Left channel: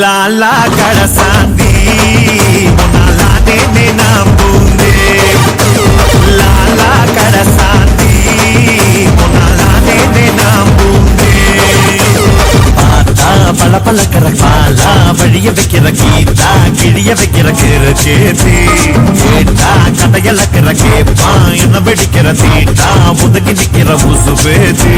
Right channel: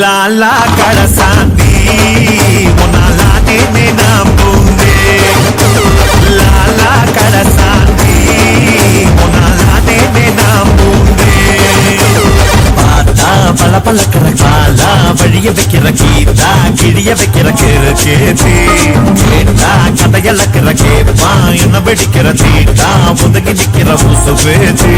ಲಾಲಾ ಕಡಸಾಂದಿ ಮೊನಾಲಾನೆ ನೆನಪುಂದೆ பூந்தே லாலா கடசாந்தி உன்னாலானே நான் பூந்தே. பார்த்தா பல பழக்கிற பாலா வழிய வைக்கிற கீதா கிழிய வைக்கிற கிரு கேத்தி கேட்டா கதையலக்கிற கேப்பா என்ன வெடிக்கிற தீட்டா ஒதுங்கி நிக்கிற உசு பேத்தி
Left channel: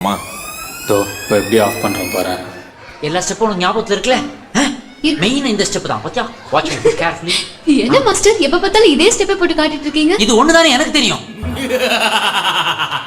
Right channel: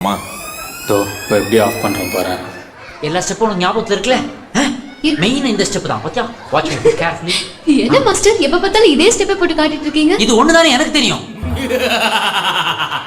அம்மா தோ இப்போ எப்படி ஆஃப் பண்ணுறேன் பாறேன் எல்லா ஸ்டெப்பும் உனக்கு ஞாபகத்துல இருக்குல்ல? மெயின் இந்த ஸ்டெப் தான் பாத்தியா? வாட்ச் கேர்ஃபுல்லி என்ன மாஸ்டர் எப்ப பார்த்தாலும் இதே ஸ்டெப்பை போட்டு காட்டிட்டு இருக்கீங்க? இது ஒண்ணுதானே எனக்கு தெரியும்.